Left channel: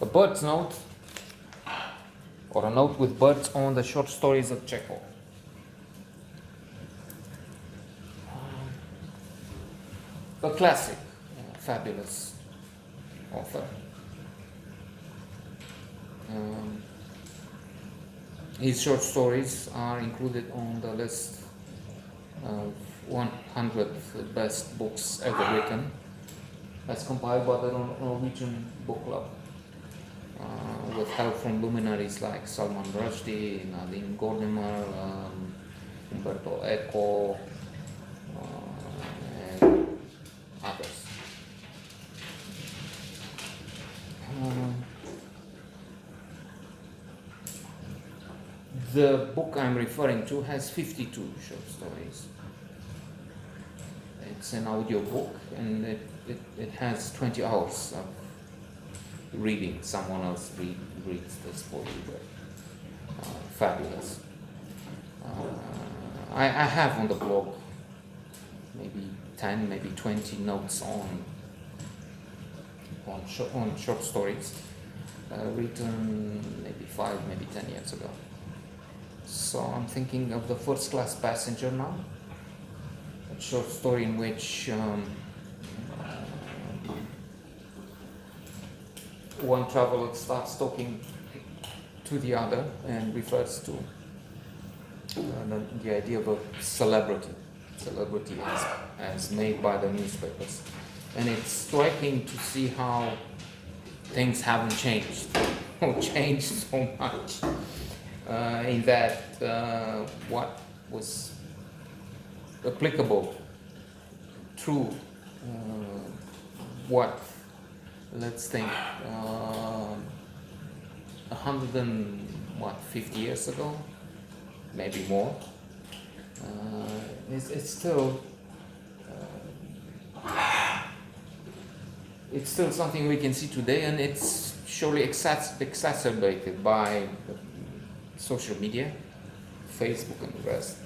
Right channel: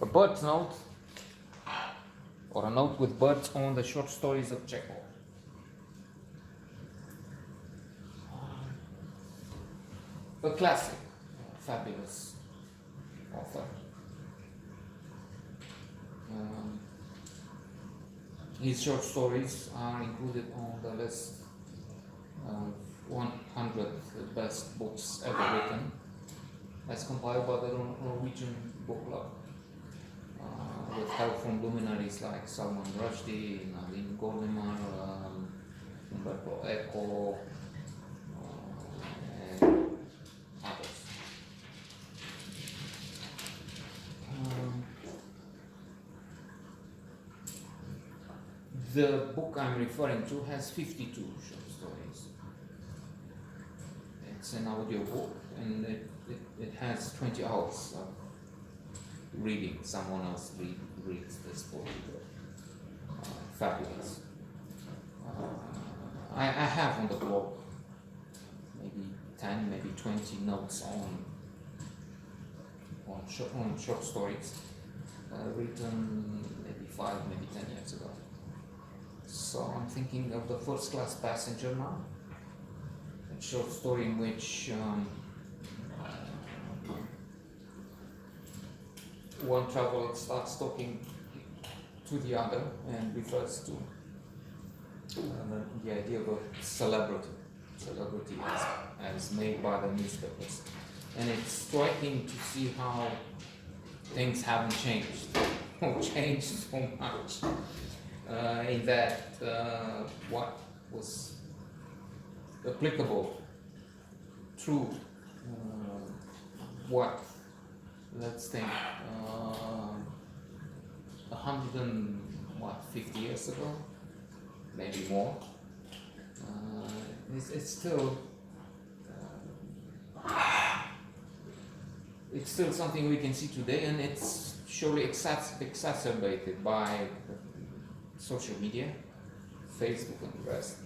A bird's note, or a note with birds on the short stories of Chekhov. A classic, fabulous author. His short stories are included on the list of 100 best books ever written, as compiled by the Norwegian Book Club, with help from luminaries like Salman Rushdie, Nadine Gordimer, Umberto Eco, and others. The book I'm referring to has 52 short stories. It's an audio book, and it has 20 hours of reading. Someone else reads this for you. Fabulous. I have on the blog maybe 10, maybe 20 notes on short stories written maybe 5, maybe 10 years ago. So I'm thinking of The First Class Passenger now, a short story in which one traveler starts talking to the other and refers to the idea of a celebrity as made by the newspapers. And it's striking to see how things haven't changed or changed so much. In that what was applicable through let's think 150 years ago, maybe more, it's still something we can see today, and it's surely exacerbated by social media, Facebook and the rest.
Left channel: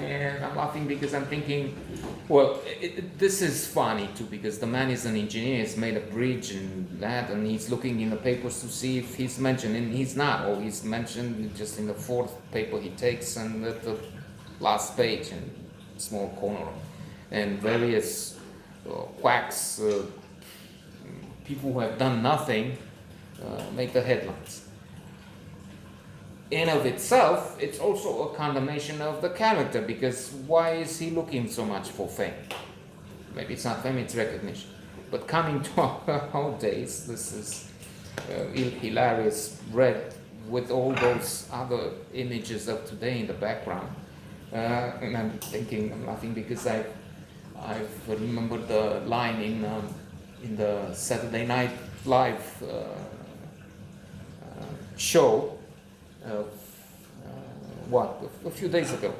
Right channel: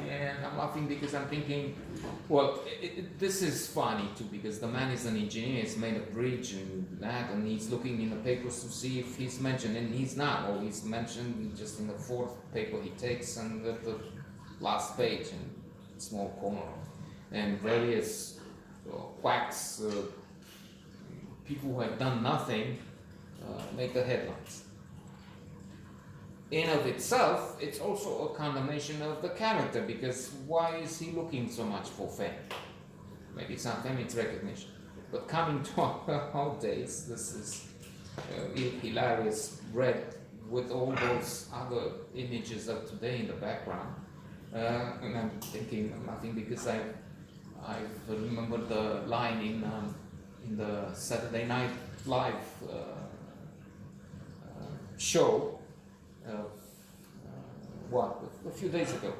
And I'm laughing because I'm thinking, well, this is funny too, because the man is an engineer, he's made a bridge and that, and he's looking in the papers to see if he's mentioned, and he's not, or he's mentioned just in the fourth paper he takes, and at the last page in small corner. And various quacks, people who have done nothing, make the headlines. In of itself, it's also a condemnation of the character, because why is he looking so much for fame? Maybe it's not fame, it's recognition. But coming to our days, this is hilarious, read with all those other images of today in the background. And I'm laughing because I remembered the line in the Saturday Night Live show. A few days ago.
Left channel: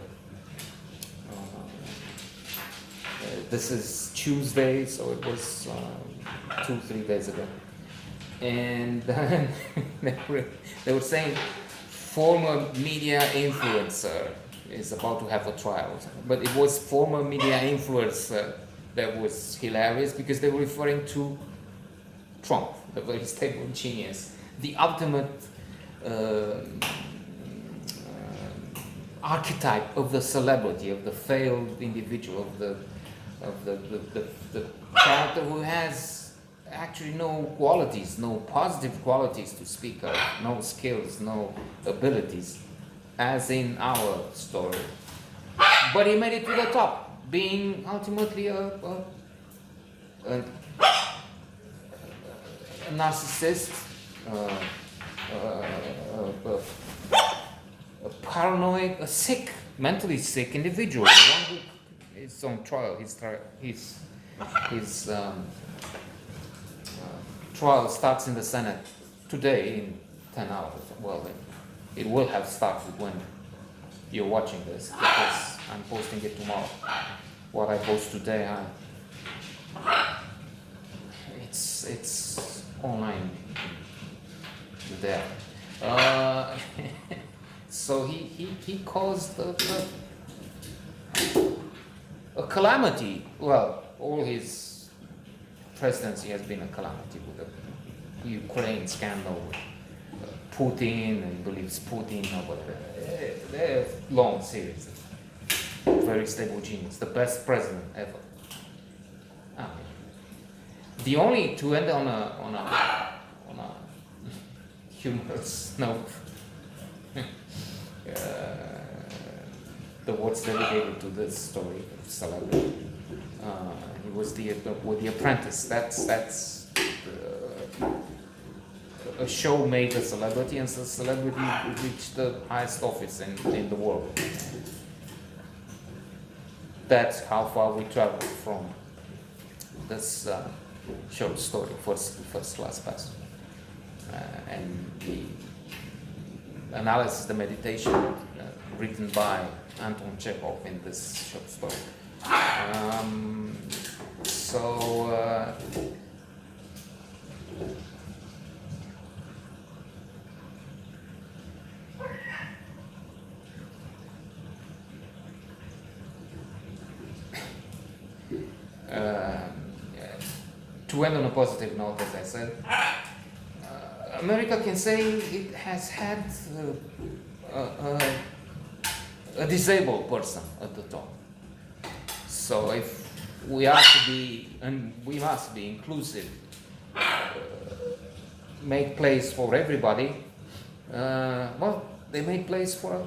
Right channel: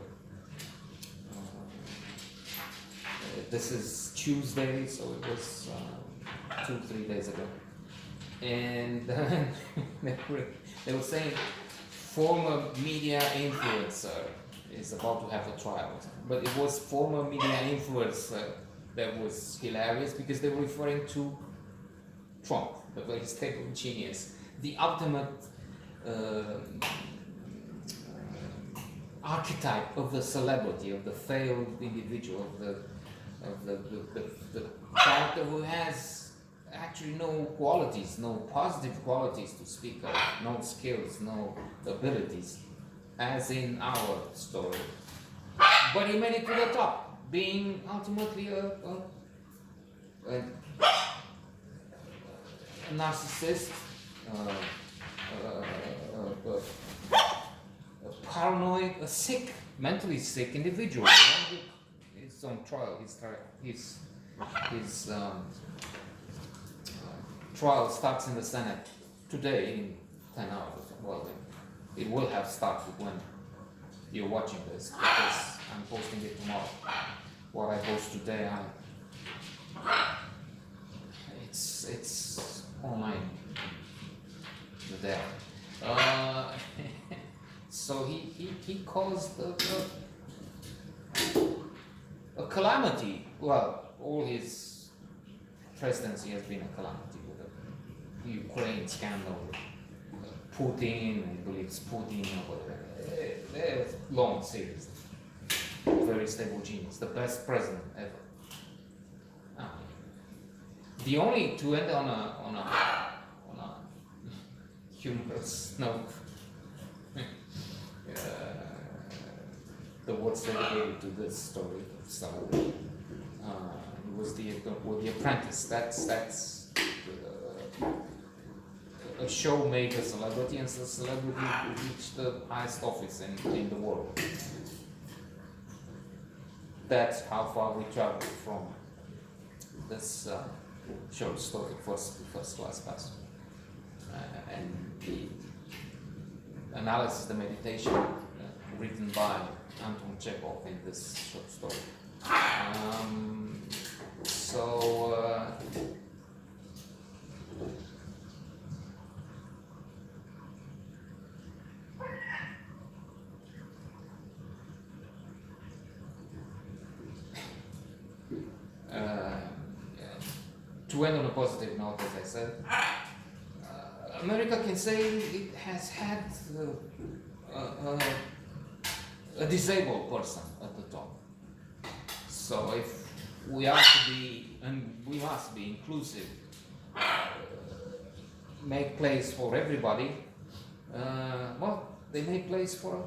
This is Tuesday, so it was 2-3 days ago. And then they were saying former media influencer is about to have a trial. But it was former media influencer that was hilarious, because they were referring to Trump, the very stable genius, the ultimate archetype of the celebrity, of the failed individual, of the character who has actually no qualities, no positive qualities to speak of, no skills, no abilities, as in our story. But he made it to the top, being ultimately a narcissist, a paranoid, a sick, mentally sick individual. The one who is on trial. His trial starts in the Senate today in 10 hours. Well, it will have started when you're watching this, because I'm posting it tomorrow. What I post today, it's online there. So he caused a calamity. Well, all his presidency has been a calamity with Ukraine scandal, Putin, he believes Putin, or whatever. They're long series. Very stable genius, the best president ever. The only to end on a humorous note. The words dedicated to this story of Saladin. It was with the Apprentice. That's a show made a celebrity, and the celebrity reached the highest office in the world. That's how far we traveled from this short story, first class pass, and the analysis, the meditation written by Anton Chekhov in this short story. To end on a positive note, as I said, America can say it has had a disabled person at the top. So if we are to be, and we must be inclusive, make place for everybody, well, they make place for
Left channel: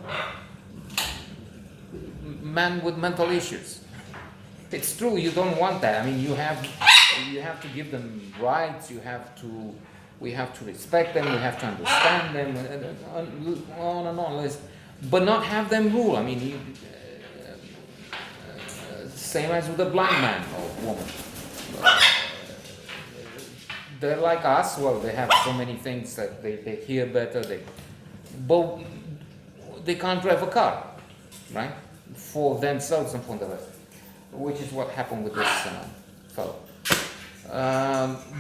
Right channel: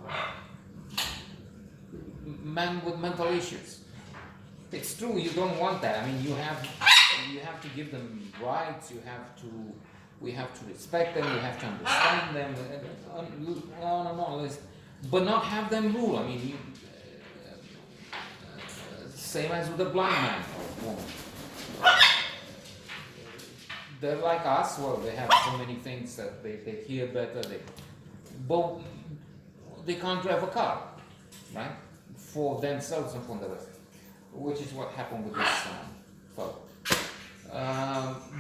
men with mental issues. It's true, you don't want that. I mean, you have to give them rights. We have to respect them. We have to understand them. On and on. But not have them rule. I mean, same as with a blind man or woman. They're like us. Well, they have so many things that they hear better. But they can't drive a car, right? For themselves and for the rest. Which is what happened with this fellow.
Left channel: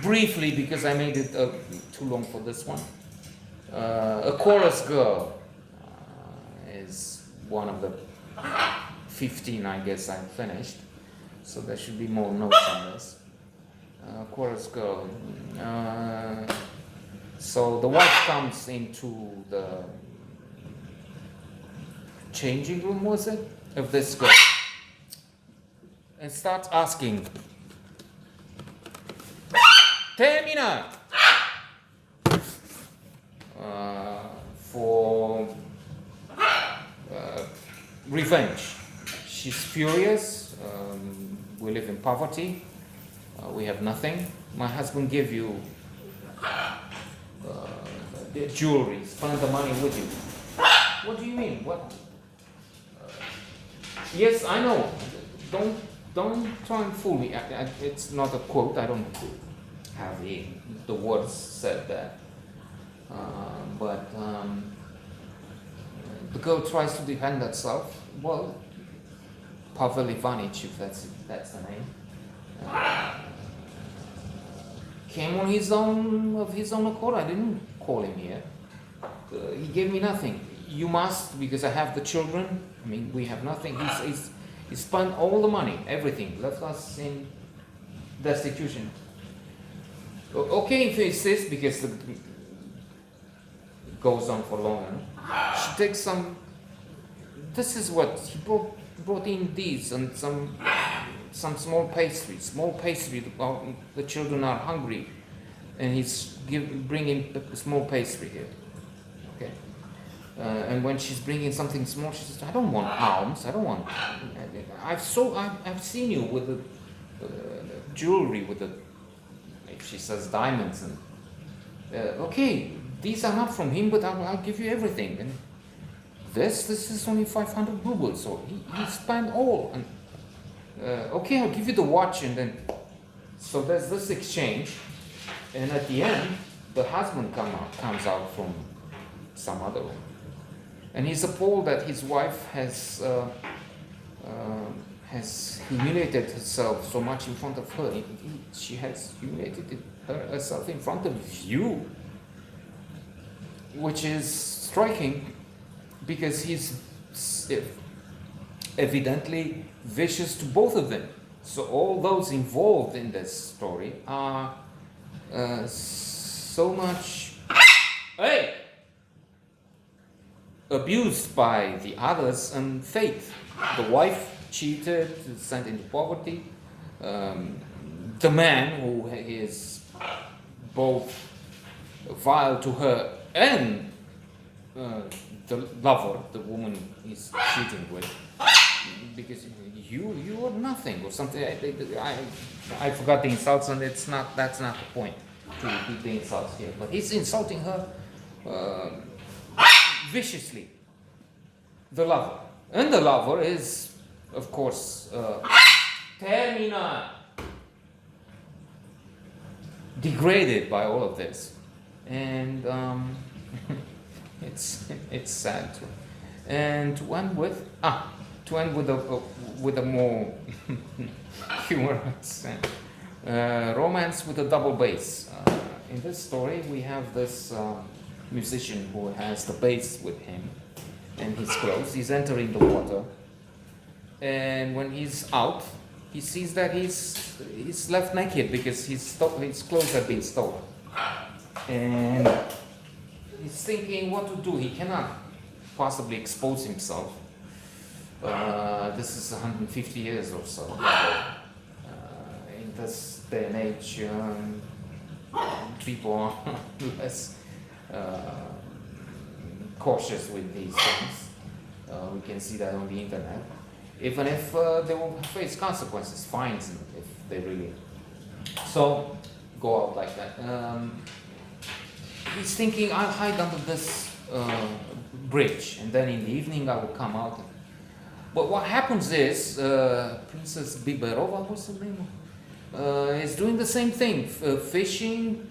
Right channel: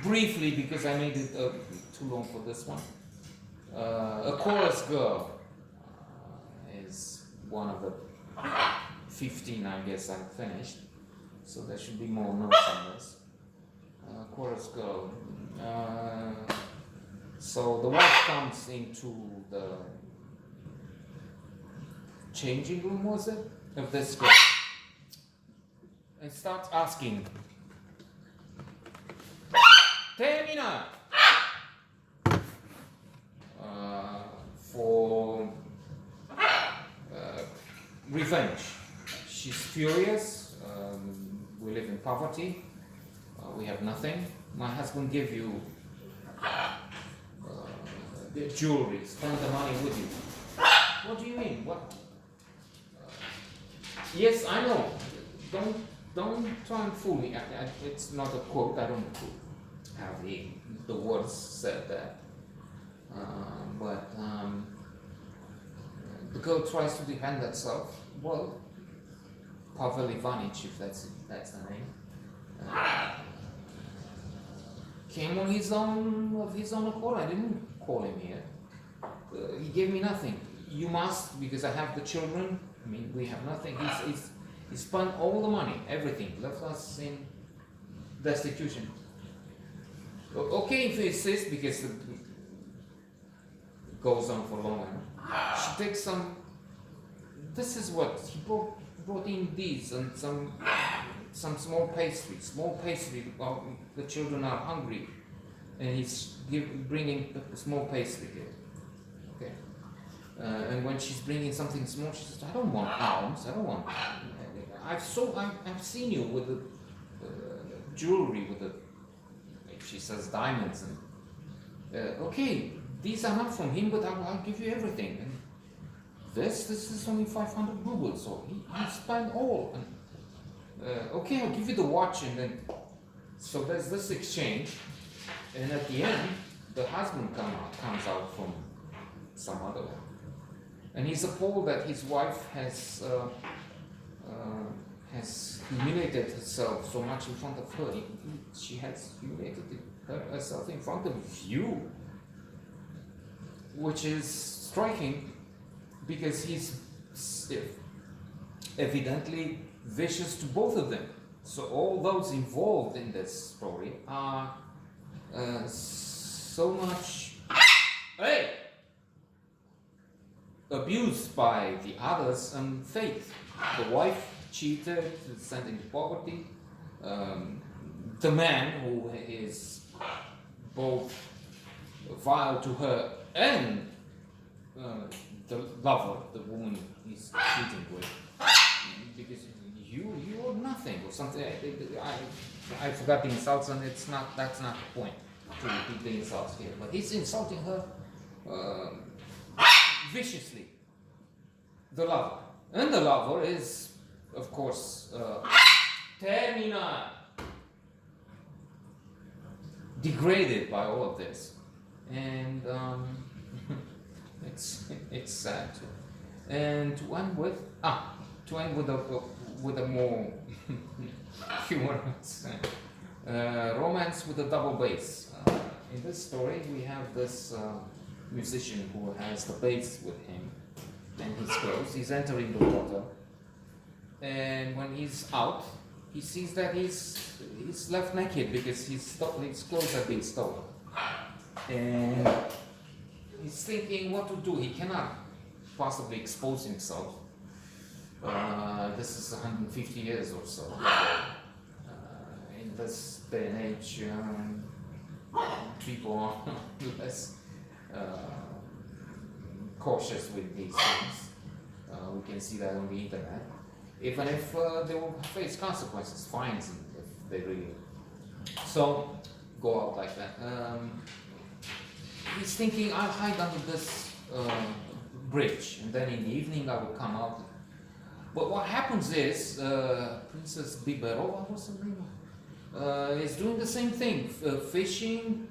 Briefly, because I made it too long for this one, a chorus girl is one of the 15, I guess, I've finished. So there should be more notes on this. Chorus girl. So the wife comes into the changing room, was it, of this girl, and starts asking, Termina! For revenge. She's furious. We live in poverty. We have nothing. My husband gave you the jewelry, spend the money with you. What do you mean? What? Yes, I know. Don't try and fool me. It's not a quote. I don't have the words said that. But the girl tries to defend herself. Well, Pavel Ivanich, if that's the name, came on of his own accord. I didn't call him here. He gave me nothing. You must, because I have the children. I mean, we have nothing. He spent all the money, everything, left us in destitution. Okay, if he insists, because it goes on for longer. She takes some. This is what he brought in these and some small pastry. The children are hungry, and he's bringing small pastry here. Okay. And when she's bringing something small, she says, "I don't want alms. I don't want. I've seen you with the jewelry with the." She says diamonds and. Okay, these are not from him, but I'll give you everything. And this is only 500 rubles, so he spent all. And okay, I'll give you the watch, and then. So there's this exchange, and at the end, the husband comes out from some other one. And he's appalled that his wife has humiliated herself so much in front of her. She has humiliated herself in front of you, which is striking because he's evidently vicious to both of them. So all those involved in this story are so much, hey, abused by the others and faith. The wife cheated, sent into poverty. The man who is both vile to her and the lover, the woman he's cheating with, because you are nothing or something. I forgot the insults, and that's not the point to repeat the insults here. But he's insulting her viciously. The lover, and the lover is, of course, terminal, degraded by all of this, and it's sad too. And to end with a more humorous romance with a double bass. In this story, we have this musician who has the bass with him, and he's close. He's entering the water, and when he's out, he sees that he's left naked because his clothes have been stolen, and he's thinking what to do. He cannot possibly expose himself. This is 150 years or so. In this day and age, people are less cautious with these things. We can see that on the internet. Even if they will face consequences, fines, if they really so go out like that. He's thinking, I'll hide under this bridge, and then in the evening I will come out. But what happens is, Princess Biberova, what's her name, is doing the same thing, fishing,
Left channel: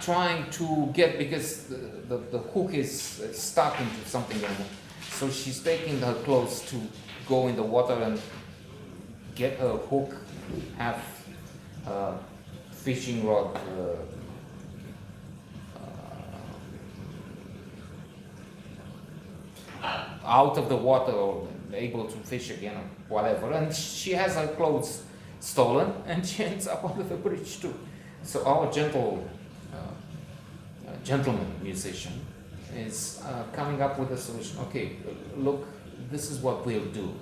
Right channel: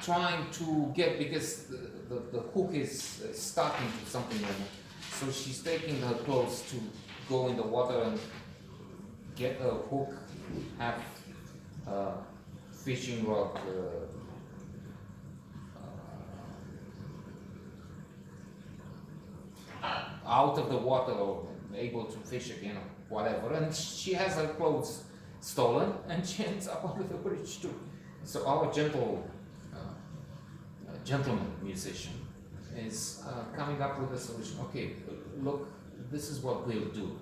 trying to get, because the hook is stuck into something like that. So she's taking her clothes to go in the water and get a hook, have a fishing rod out of the water or able to fish again or whatever. And she has her clothes stolen, and she ends up under the bridge too. So our gentleman musician is coming up with a solution. Okay, look, this is what we'll do.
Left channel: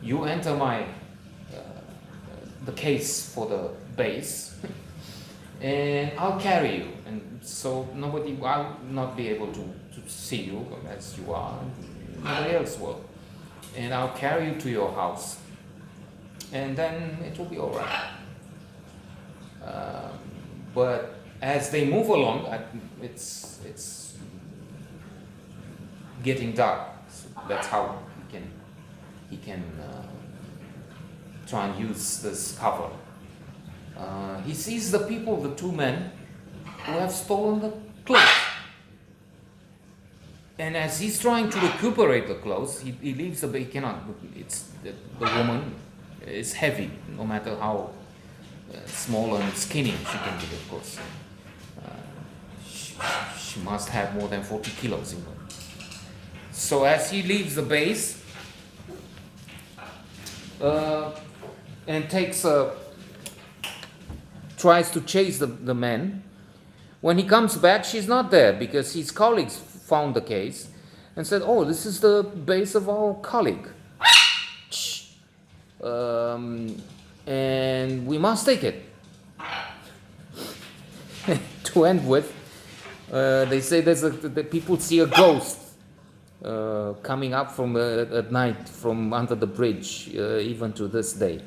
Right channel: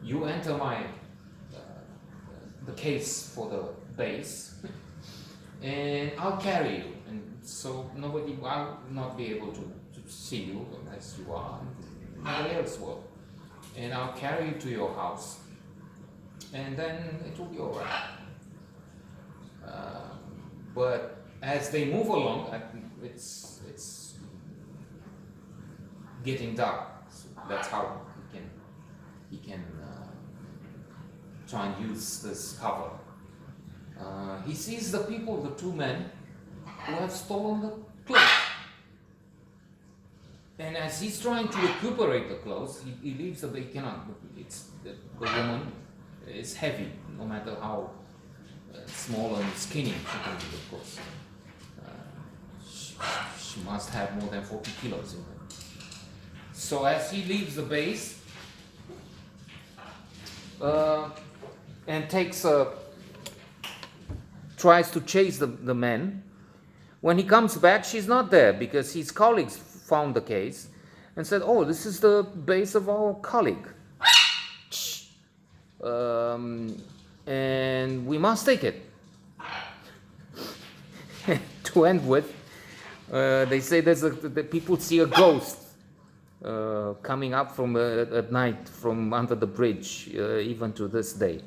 You enter the case for the bass, and I'll carry you. And so I'll not be able to see you as you are. Nobody else will. And I'll carry you to your house, and then it will be all right. But as they move along, it's getting dark. So that's how he can try and use this cover. He sees the people, the two men, who have stolen the clothes. And as he's trying to recuperate the clothes, he leaves the he cannot. It's the woman is heavy, no matter how small and skinny she can be, of course. She must have more than 40 kilos in her. So as he leaves the base and tries to chase the men, when he comes back, she's not there because his colleagues found the case and said, "Oh, this is the base of our colleague, and we must take it." To end with, they say that people see a ghost coming up from at night from under the bridge, even to this day.